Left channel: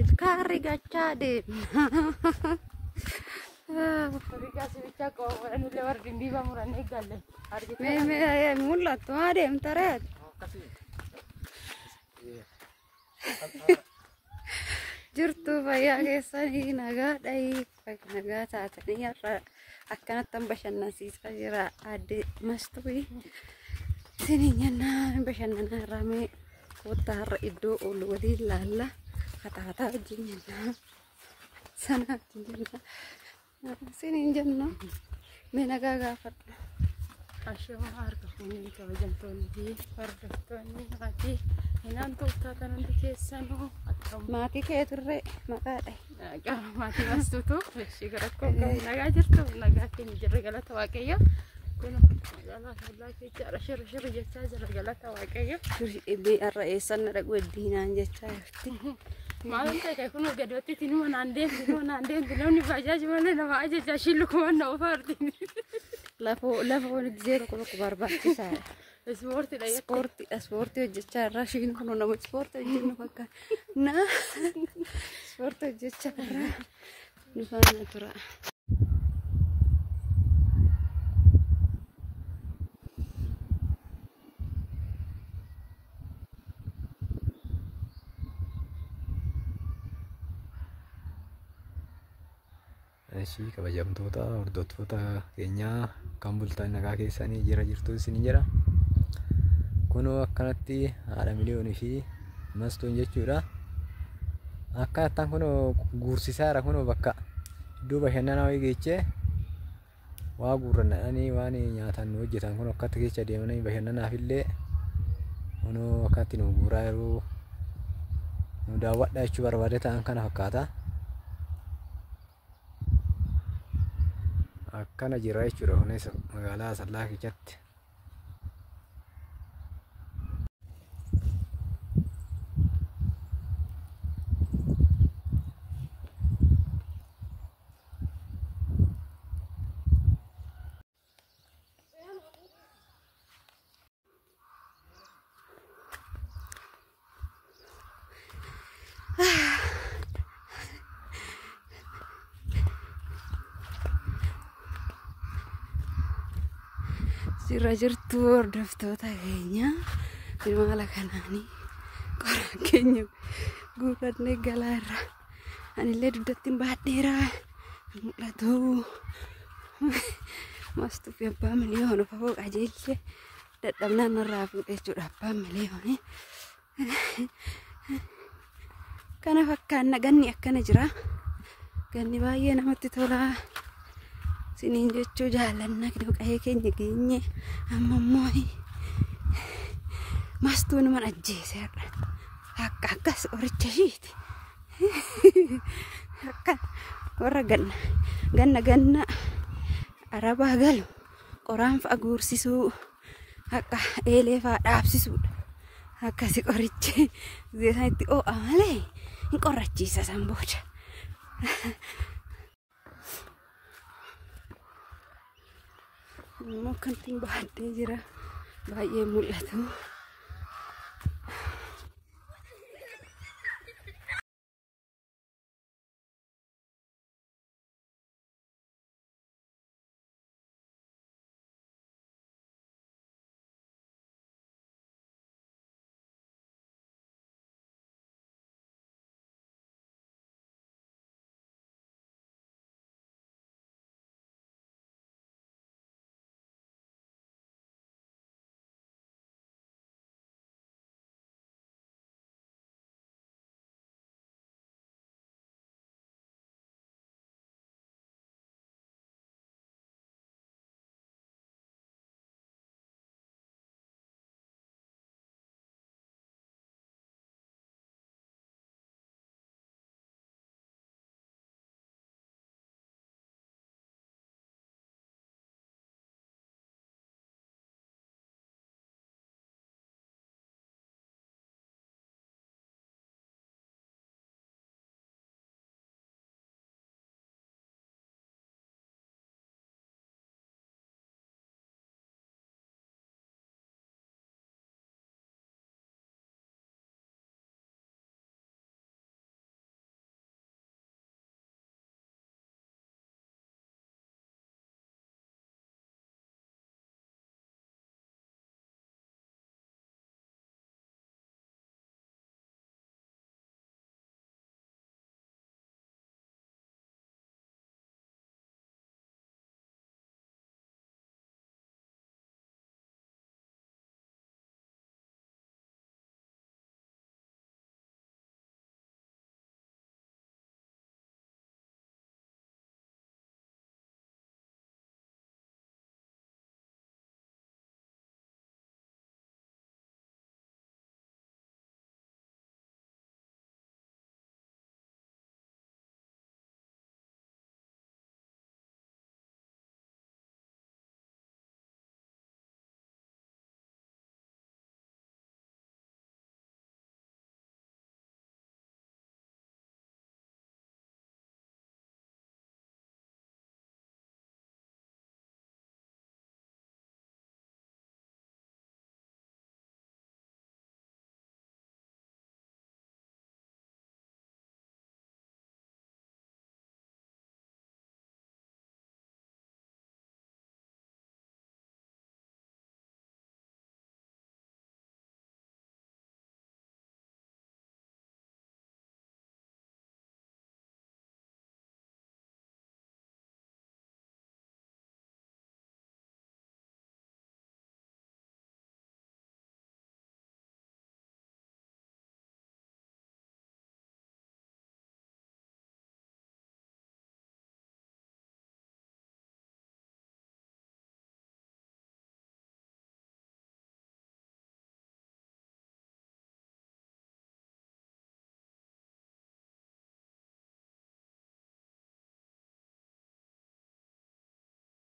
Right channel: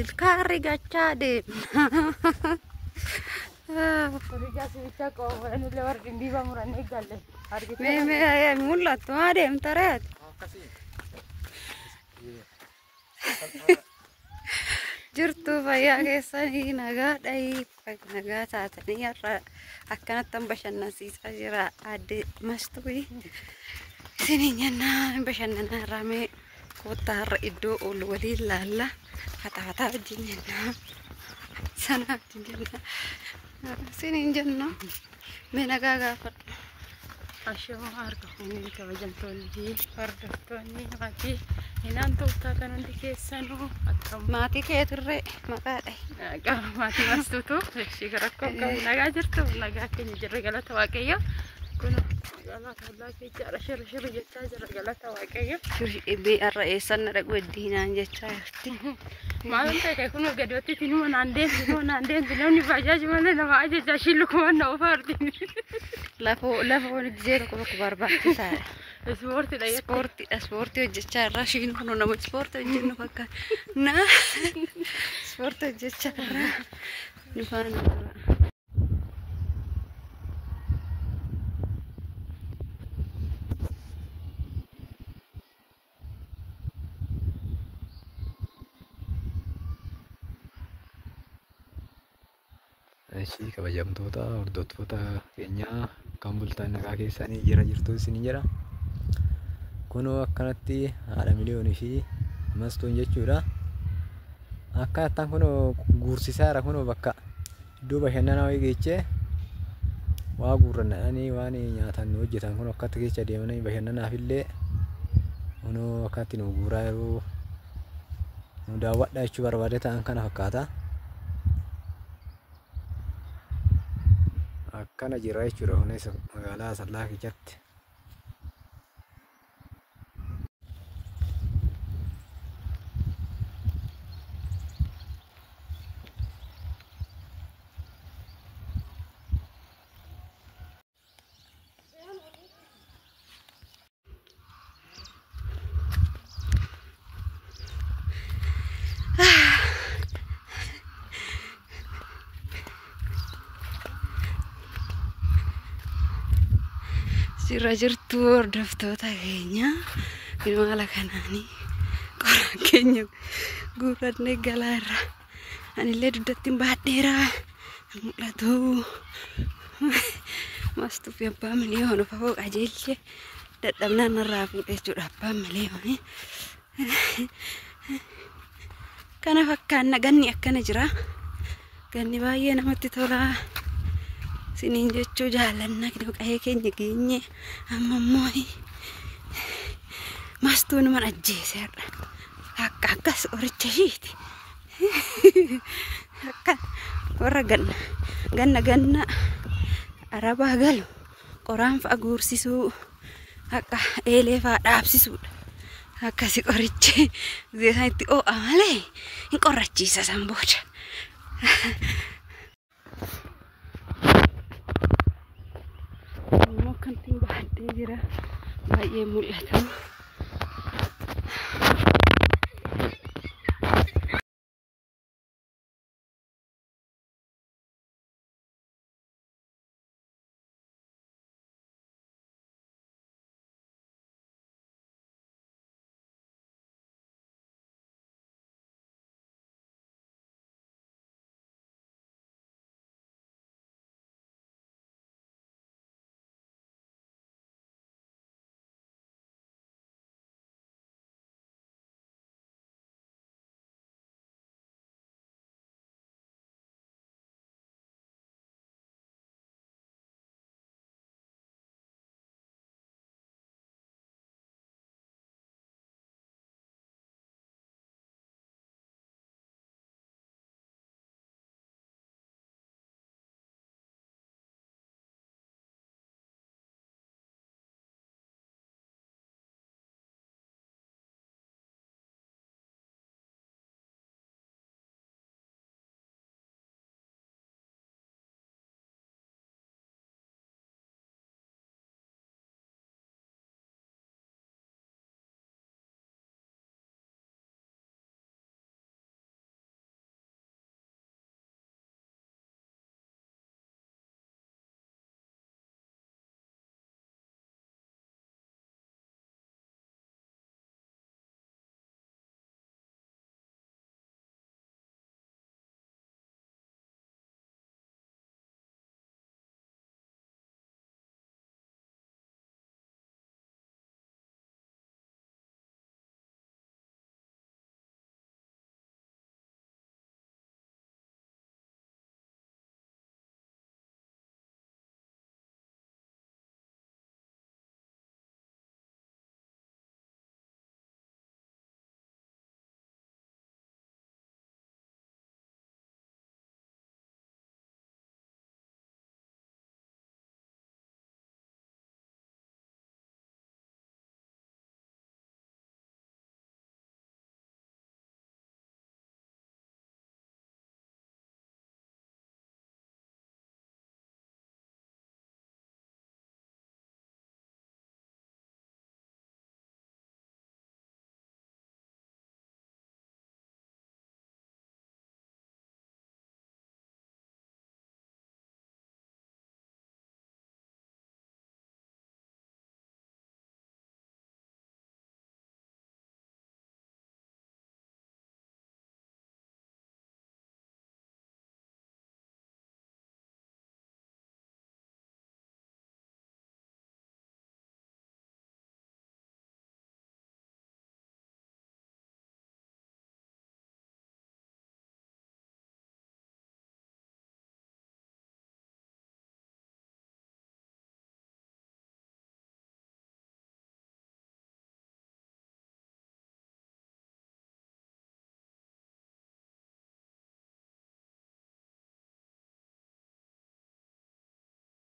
Ilkaarri gachaa deemna. Mee mul'attu maa deemta reeti? Jirtu fayyaa keessanii nagaadhayi. Nagaa taatanii har'a akkanatti bashannansiisaa jira adde Mastuuyi. Isiniin jennaan bashannanaa irraa mee koottaa har'a iddoo oolu waliin laalla. Fataa wajjin jennaan. Sana wajjin jennaan. Isiniin jennaan mee nagaa gaafadhu. Ashoo harka fuunii kabajamtoonni hordoftoonni maatii hinaan tooftaatan hundi keessanuu akkam maatii keetirree maqaadha. Maatii Mastuutu ishee rakkoo qabu nagaa jirtu nagaa keenya jirre galata waaqayyo. Kun magaalaa fallaa keessa shirri jechaa jira galata waaqayyo. Shirri har'a eessan dhaqu eddiinaan jechaa jirti. Maal ta'e kun gadootti tinuma naan deemtu namni bajaaji malee nama ajajaa shillukumaan na ofaarti. Lafa wani gisee tokko barbaachisaadha. Ispoortii hojjechaa irraa shiin kun nama ispoortii hojjennu fakkaata. Ispoortii hojjechaa irraa dhufaan tura. Ishii kabajamtoota hordoftoota keenyaa kan bultaan nagaa keessanii jirtu isin jira. Kunoo akkanatti haadha miliyoonii fi Mastuun jechuudha. Akkanattaan kunoo guursisaara kunoo bakka iddoo bashannanaa wayii geechee waa guurrannadhanii waan nyaatan hojjetan kunoo akkatti keessa deemanii bashannanaaf illee kunoo akkatti nu guuraa yeroo nu daawwadhaa jechuu barbaade ta'an kana fakkaata. Akkana jira jechuudha kunis magaalaa Asallaa keessatti. Sirra jirtu hordoftoota keenya ilmaala kanaanii qoraan keenya guurrannee galaa irra anillee dugdatti baadheera mul'atu. Mastuu fi abbaa miliyoona fafoo qajeelchee dadhabnaan irraa fuudhee jechuudha abbaan miliyoonii. Kana fakkaanna ganni akkana jira. Ganni baay'ee namatti tola. Sinin jechuu jaallanna qe'ee keenya geenye amma immoo Mastuun mana ajjeeseera. Akkas qoricha ishiiti. Akka warra ganna arabaa galu qoraan fa'a guursisuu akka eelee fa'a dhaabsisuudha. Akkasi qorichi zeesaan itti oo'a malee hin qorrachiisa san booda. Mungkin tinggal di jira bayi mulai tu.